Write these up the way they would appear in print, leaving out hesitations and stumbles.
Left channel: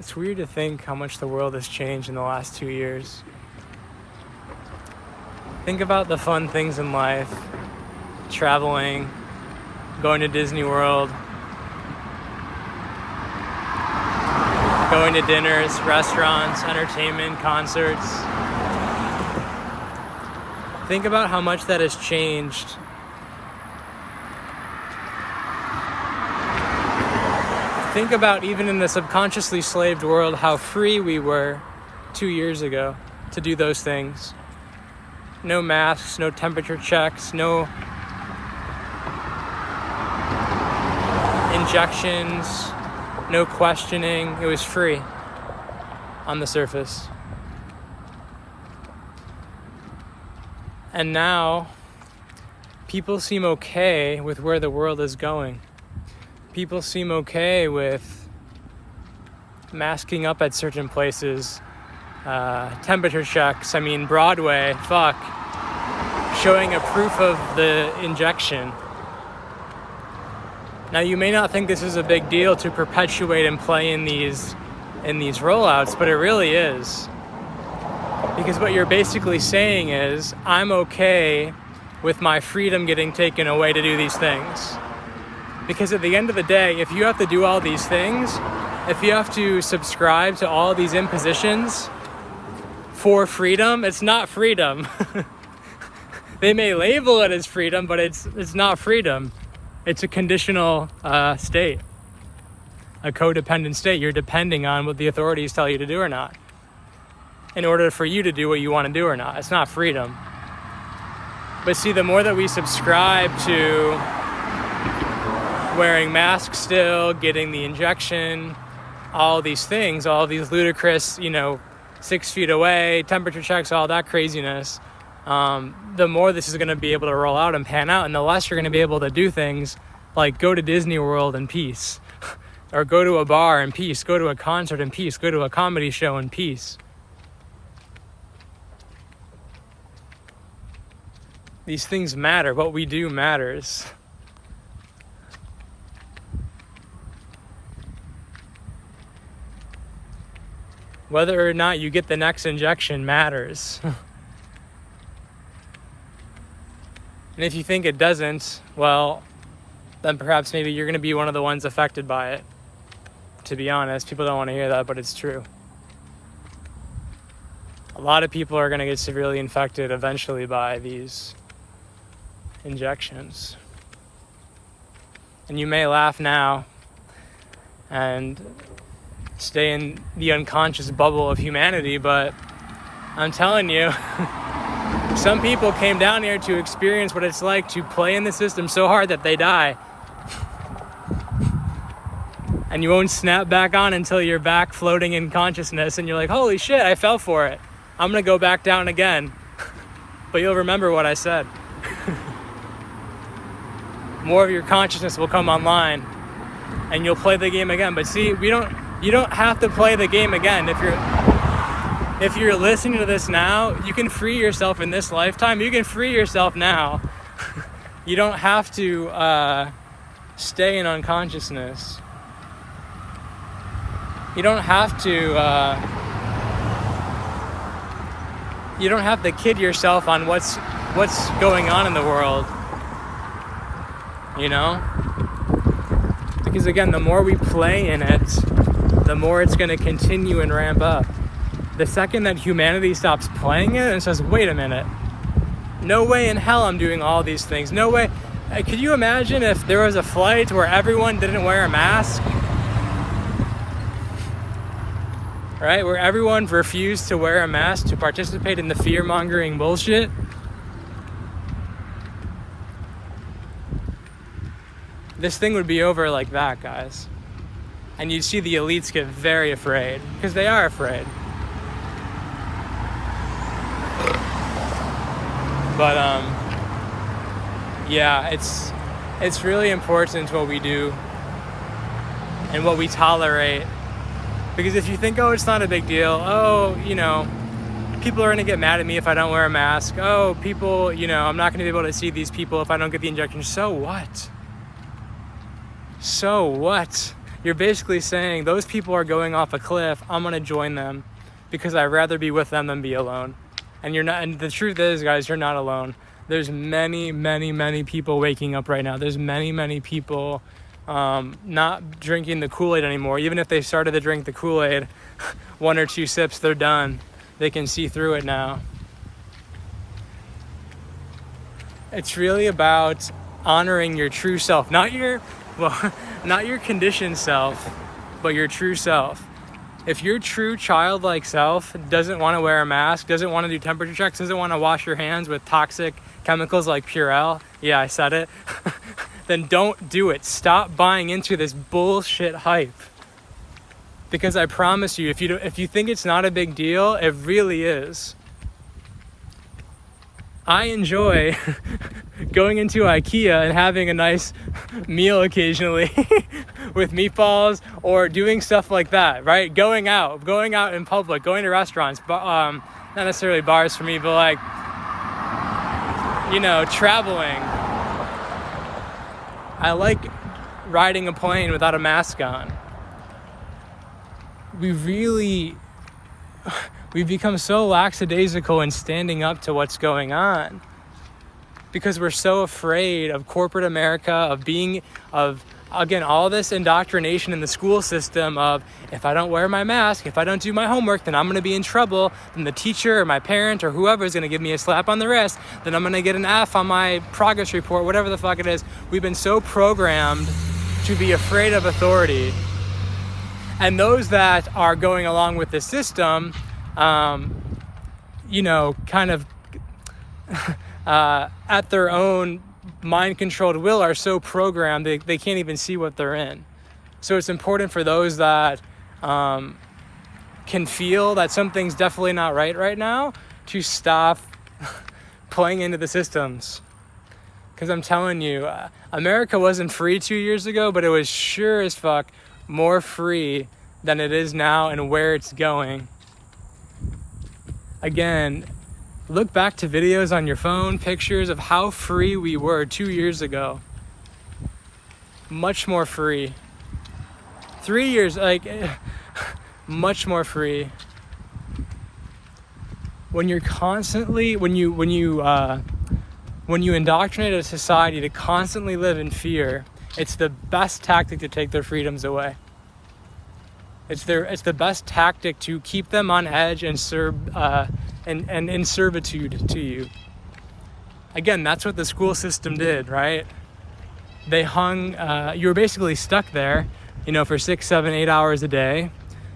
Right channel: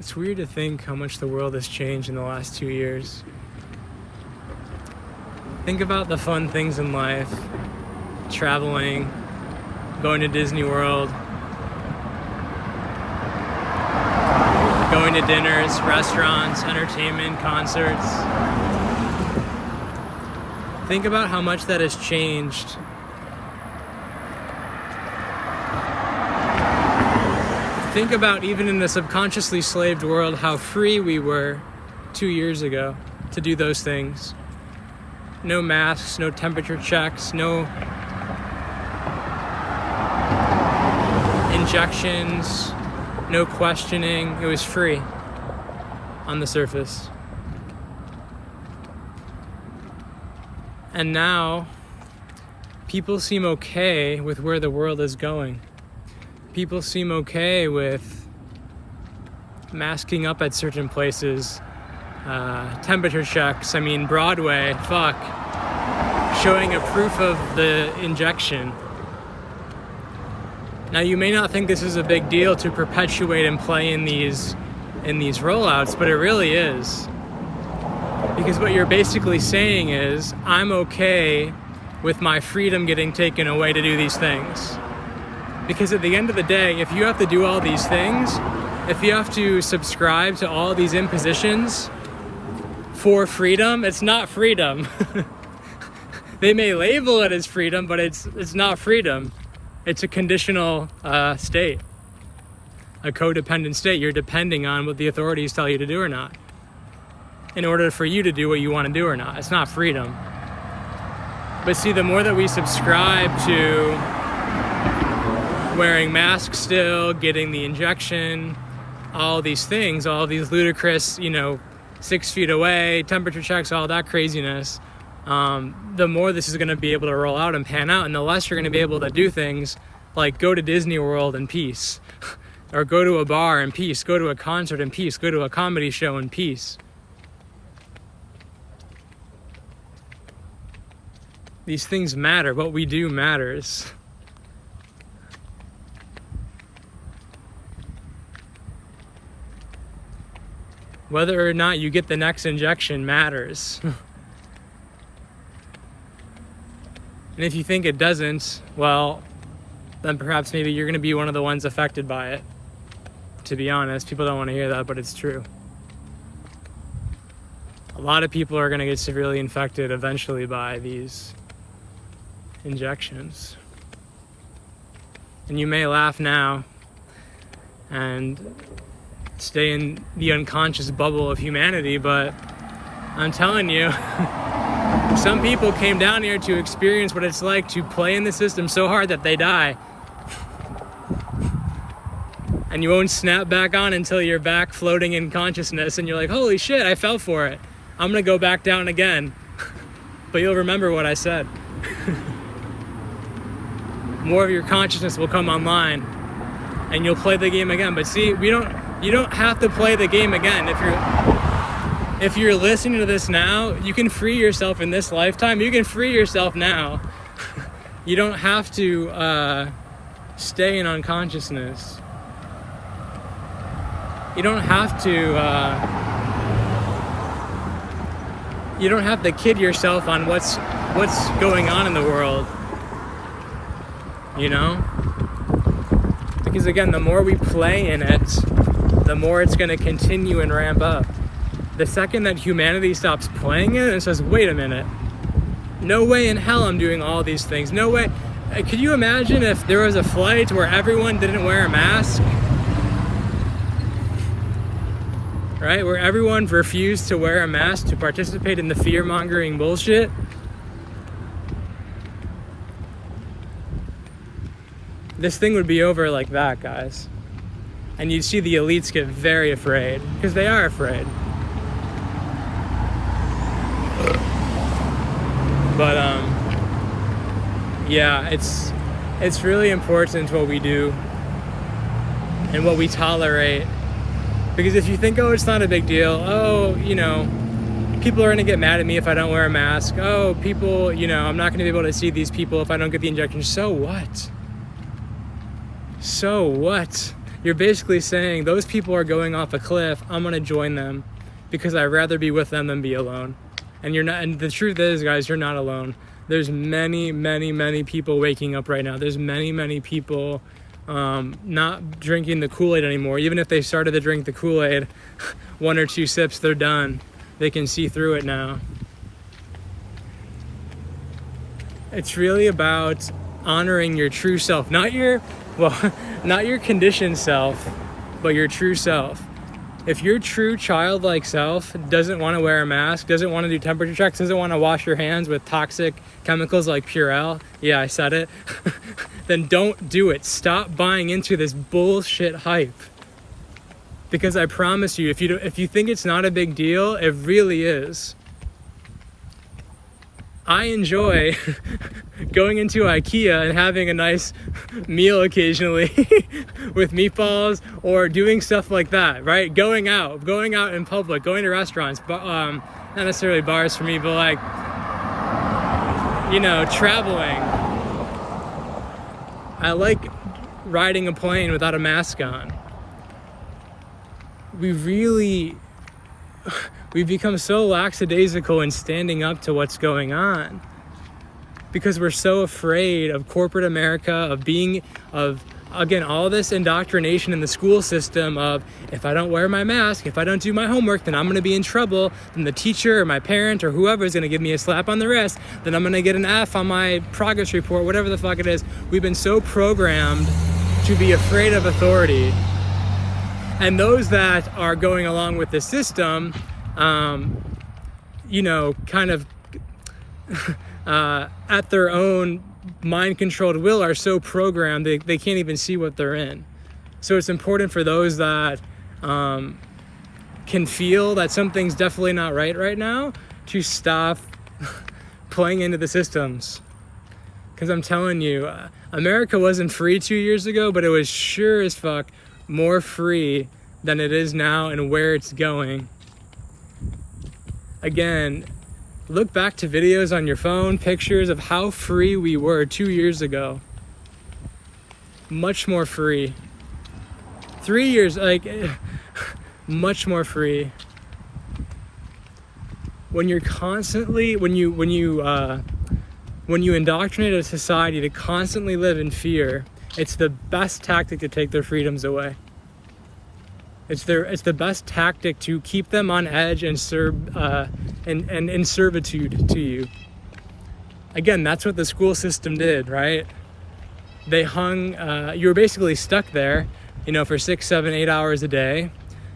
It's weird to think how much the world has changed in the last 2 years. Think about the fun things in life. Traveling, going to Disney World, going to dinners, restaurants, entertainment, concerts. Think about how much that has changed. Think about, even in the subconsciously slaved world, how free we were 2 years ago to do those things. No masks, no temperature checks, no injections, no questioning. It was free on the surface. And now, people seem okay with where the world is going. People seem okay with masking up at certain places, temperature checks. I mean, Broadway, fuck, showing a proof of the injection. Now, you may not think this is a big deal to perpetuate and play in these rollouts, but it really is. Because what you're basically saying is, I'm okay with my freedom getting taken away to do these things. Because at the end of the day, if you have to do all these things, if you have to subscribe to all these impositions for freedom, it's not freedom. They may label it as freedom, but it's not freedom. It's a conditional state, a codependent state. You're depending on what the authorities tell you to do or not in order for you to do what you want to do or not. It's not freedom. But see, the more that we subscribe to wearing masks still, getting the injection, all these things, all these ludicrous, 6 feet away, temperature checks, all that craziness, the more this is going to be able to roll out and pan out, and the less you're going to be able to do things like go to Disney World in peace, or go to a bar in peace, go to a concert in peace, go to a comedy show in peace. These things matter. What we do matters. Whether or not you get the next injection matters. And if you think it doesn't, well, then perhaps maybe you're going to be one of the ones affected by it. To be honest, people don't want to hear that, but it's true. A lot of people are going to get severely infected eventually by these injections. And you may laugh now and stay in the unconscious bubble of humanity, but I'm telling you, some people came down here to experience what it's like to play in the system so hard that they die. And you won't snap back on until you're back floating in consciousness and you're like, holy shit, I fell for it. I'm gonna go back down again. But you'll remember what I said. More of your consciousness will come online and you'll play the game again. But see, you don't have to play the game again. If you're listening to this now, you can free yourself in this lifetime. You can free yourself now. You don't have to stay in unconsciousness. You don't have to kid yourself on what's going on in the world. Because again, the more we play in it, the more it's going to continue and ramp up. The second that humanity stops playing it and says, wait a minute, no way in hell I'm doing all these things. No way. Could you imagine if there was a flight where everyone didn't wear a mask? Right? Where everyone refused to wear a mask to participate in the fear-mongering bullshit? This thing would be over like that, guys. And you'd see the elites get very afraid, because they are afraid. But yeah, it's really important what we do and what we tolerate. Because if you think, oh, it's not a big deal, oh, people are gonna get mad at me if I don't wear a mask, oh, people, I'm not gonna be able to see these people if I don't get the injection, so what? So what? you're basically saying those people are going off a cliff. I'm going to join them because I'd rather be with them than be alone. And you're not, and the truth is, guys, you're not alone. There's many, many, many people waking up right now. There's many, many people not drinking the Kool-Aid anymore. Even if they started to drink the Kool-Aid, 1 or 2 sips, they're done. They can see through it now. It's really about honoring your true self, not your conditioned self, but your true self. If your true childlike self doesn't want to wear a mask, doesn't want to do temperature checks, doesn't want to wash your hands with toxic chemicals like Purell, yeah, I said it, then don't do it. Stop buying into this bullshit hype. Because I promise you, if you think it's not a big deal, it really is. I enjoy going into IKEA and having a nice meal occasionally with meatballs or doing stuff like that, right? Going out in public, going to restaurants, but not necessarily bars for me, but like, traveling. I like riding a plane without a mask on. We've become so lackadaisical in standing up to what's going on because we're so afraid of corporate America, of all this indoctrination in the school system of, if I don't wear my mask, if I don't do my homework, then I'm going to be in trouble. Then the teacher or my parent or whoever is going to give me a slap on the wrist. Then I'm going to get an F on my progress report, whatever the fuck it is. We've been so programmed to be afraid of authority. And those that are going along with the system, kind of at their own mind-controlled will, are so programmed they can't even see what they're in. So it's important for those that can feel that something's definitely not right now to stop playing into the systems. Because I'm telling you, America wasn't free 2 years ago, but it was sure as fuck more free than it is now and where it's going. Again, look back to videos on your phone, pictures of how free we were 2 years ago. Much more free. 3 years, much more free. When you're constantly, when you indoctrinate a society to constantly live in fear, it's the best tactic to take their freedoms away. It's the best tactic to keep them on edge and in servitude to you. Again, that's what the school system did, right? They hung, you were basically stuck there, for 6, 7, 8 hours a day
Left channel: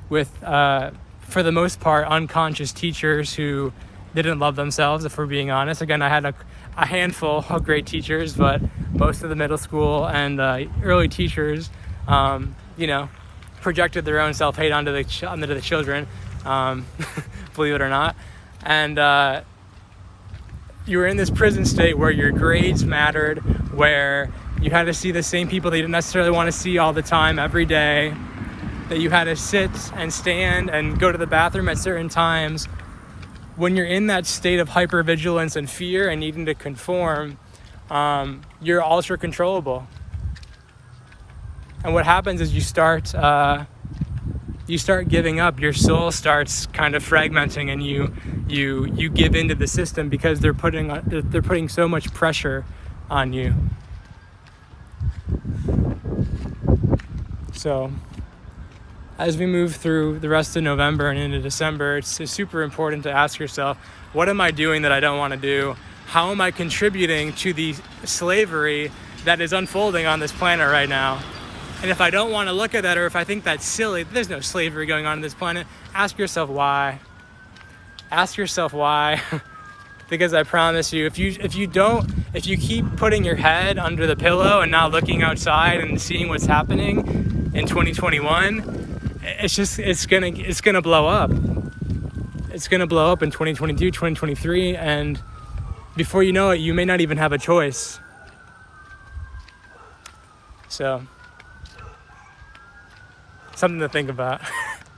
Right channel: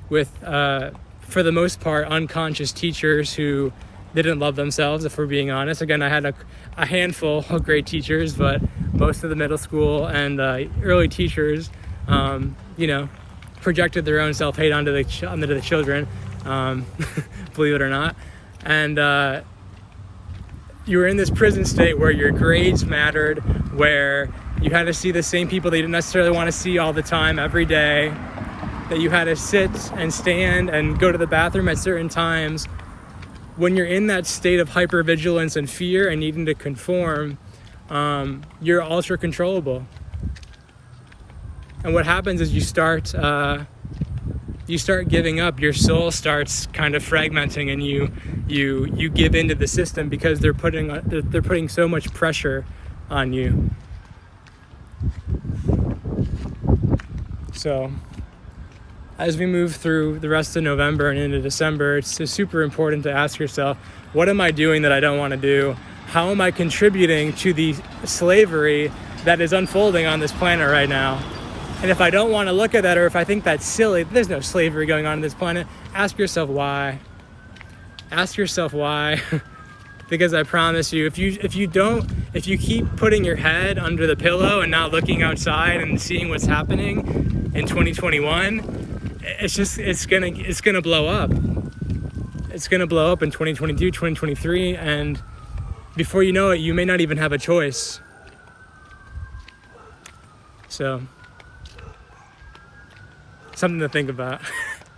with, for the most part, unconscious teachers who didn't love themselves, if we're being honest. Again, I had a handful of great teachers, but most of the middle school and early teachers, projected their own self-hate onto the children, believe it or not. And you were in this prison state where your grades mattered, where you had to see the same people that you didn't necessarily want to see all the time, every day, that you had to sit and stand and go to the bathroom at certain times. When you're in that state of hypervigilance and fear and needing to conform, you're ultra controllable. And what happens is you start giving up. Your soul starts kind of fragmenting, and you give into the system because they're putting so much pressure on you. So as we move through the rest of November and into December, it's super important to ask yourself, what am I doing that I don't want to do? How am I contributing to the slavery that is unfolding on this planet right now? And if I don't want to look at that, or if I think that's silly, there's no slavery going on this planet, ask yourself why. Ask yourself why. Because I promise you, if you keep putting your head under the pillow and not looking outside and seeing what's happening in 2021, it's gonna blow up. It's gonna blow up in 2022, 2023, and before you know it, you may not even have a choice. So, something to think about.